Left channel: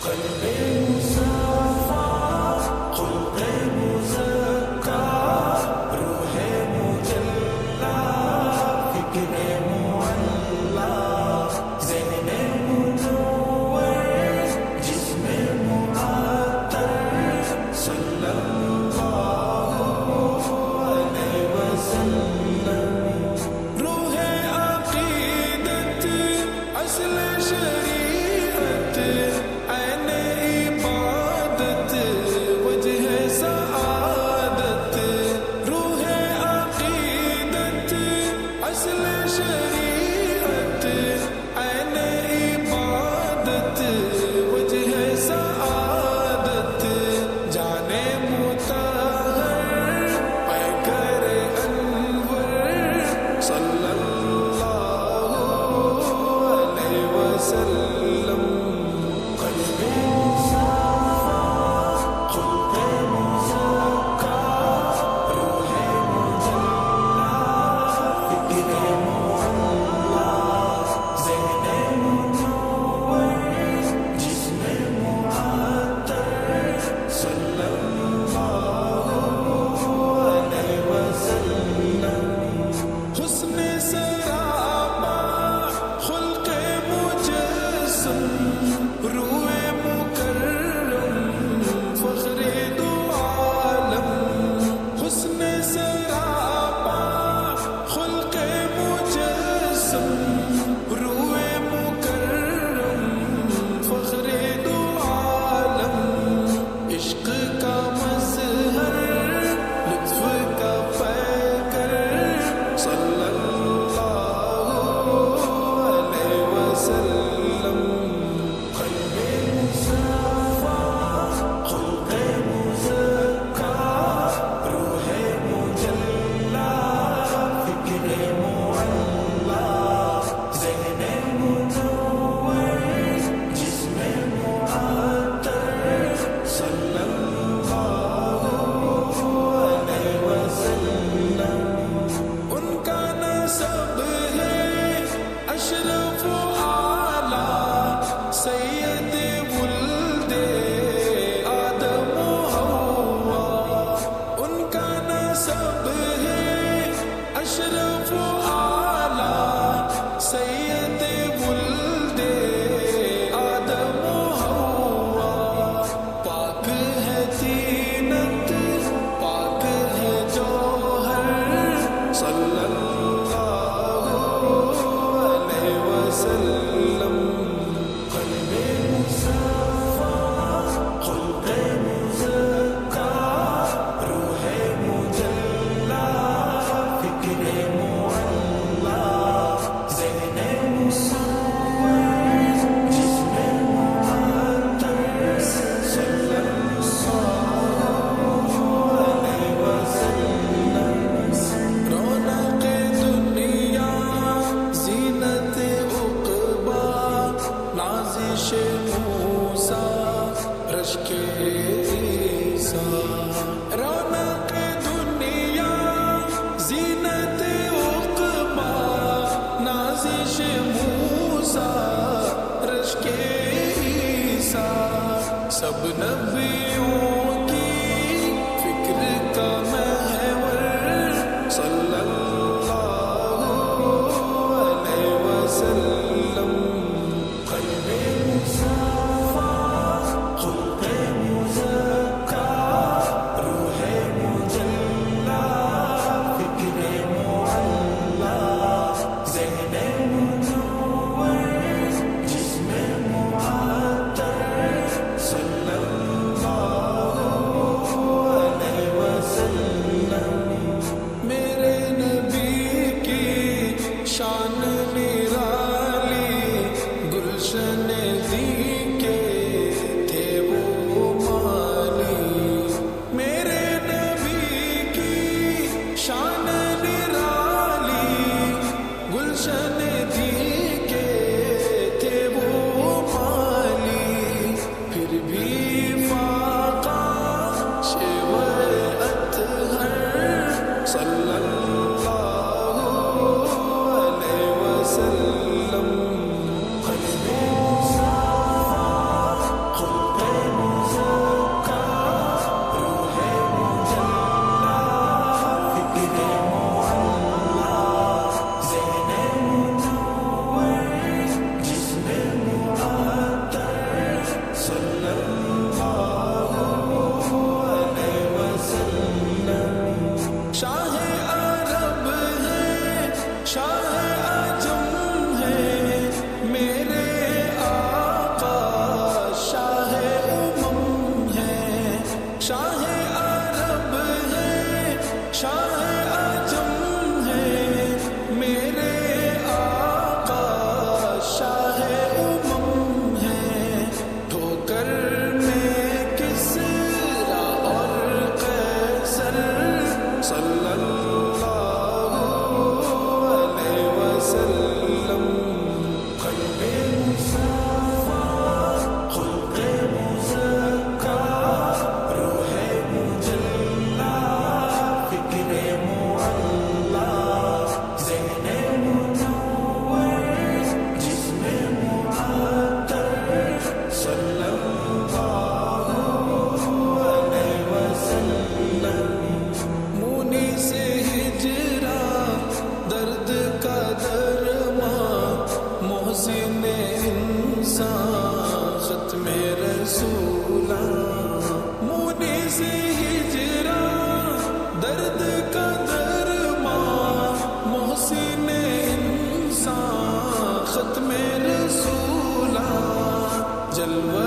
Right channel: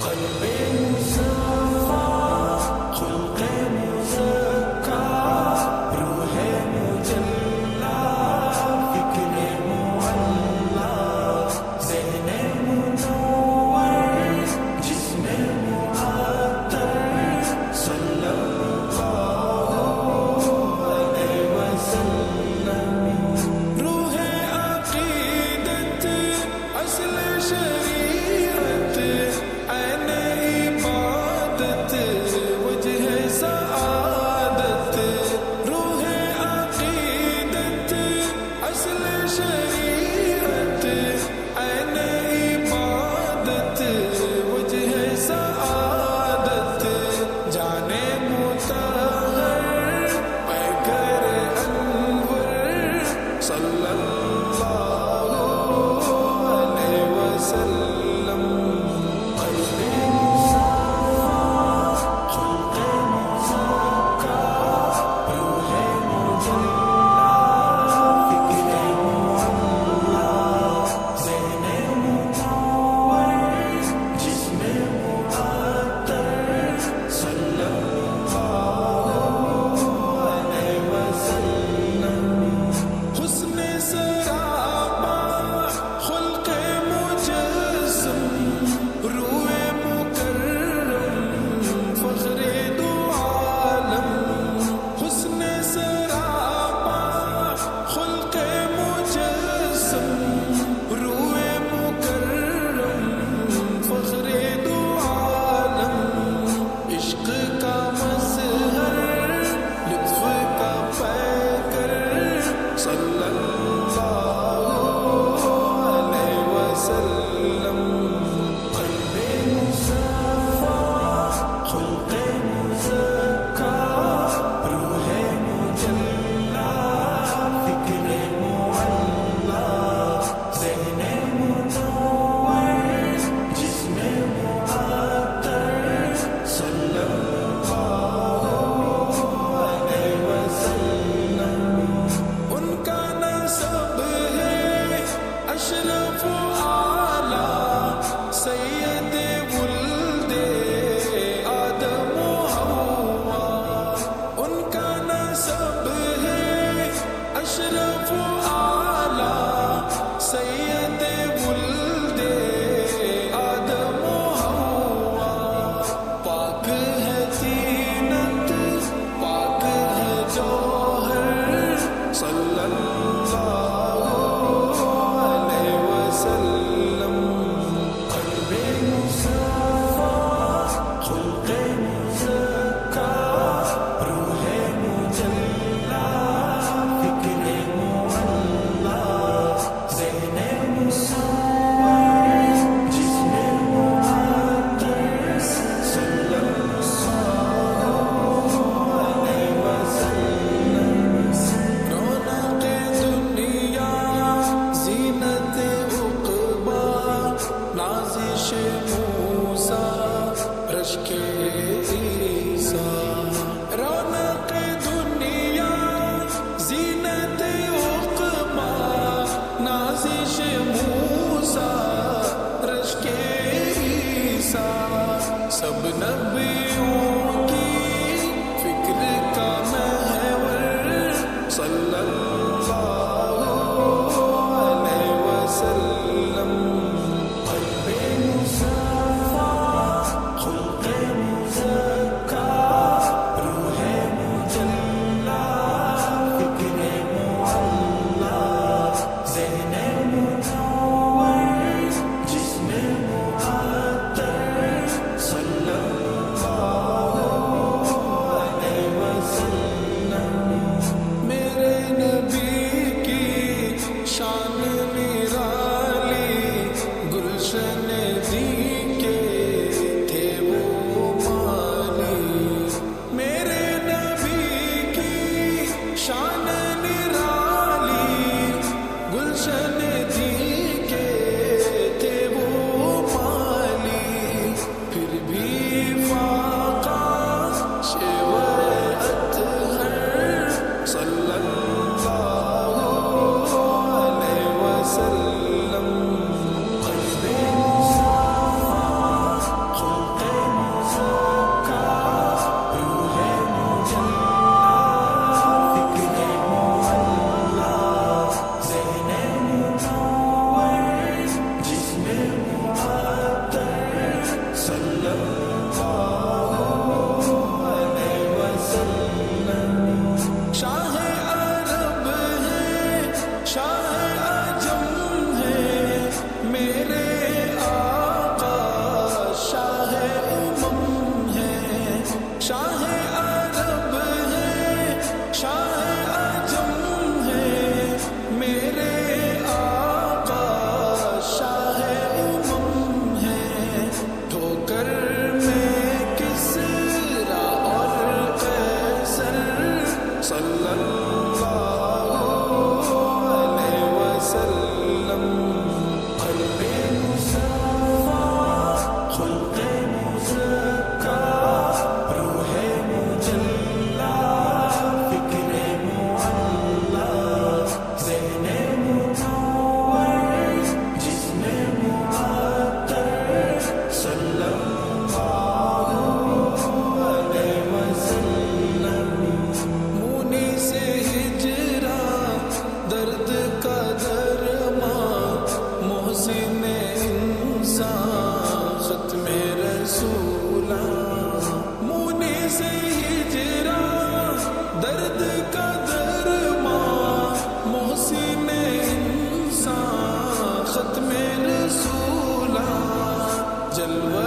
قلب مصفا خلق مزکا روح مجلا فکر معلا ذہن منور جسم معطر صلی اللہ علیہ وسلم روح عقیدت اصل شریعت عین عبادت وجہ سعادت روح عقیدت اصل شریعت عین عبادت وجہ سعادت جان مطہر پیکر انور صلی اللہ علیہ وسلم قلب مصفا خلق مزکا روح مجلا فکر معلا ذہن منور جسم معطر صلی اللہ علیہ وسلم حسن سرابا خلق مجسم روح مکرم فخر دو عالم حسن سرابا خلق مجسم روح مکرم فخر دو عالم عشق کا مظہر لطف کا پیکر صلی اللہ علیہ وسلم قلب مصفا خلق مزکا روح مجلا فکر معلا ذہن منور جسم معطر صلی اللہ علیہ وسلم ان کا نسب ہے اشرف اعلیٰ سید ولد آدم و حوا ان کا نسب ہے اشرف اعلیٰ سید ولد آدم و حوا پاک ہے تینت پاک ہے جوہر صلی اللہ علیہ وسلم قلب مصفا خلق مزکا روح مجلا فکر معلا ذہن منور جسم معطر صلی اللہ علیہ وسلم رونق دنیا زینت عقبا نازش موسیٰ رشک عیسیٰ رونق دنیا زینت عقبا نازش موسیٰ رشک عیسیٰ سب نبیوں کی فکر کا محور صلی اللہ علیہ وسلم قلب مصفا خلق مزکا روح مجلا فکر معلا ذہن منور جسم معطر صلی اللہ علیہ وسلم میرے ختم رسولا مونی سے ہجرا درد کا درمان محسن انسان ختم رسولا جلوہ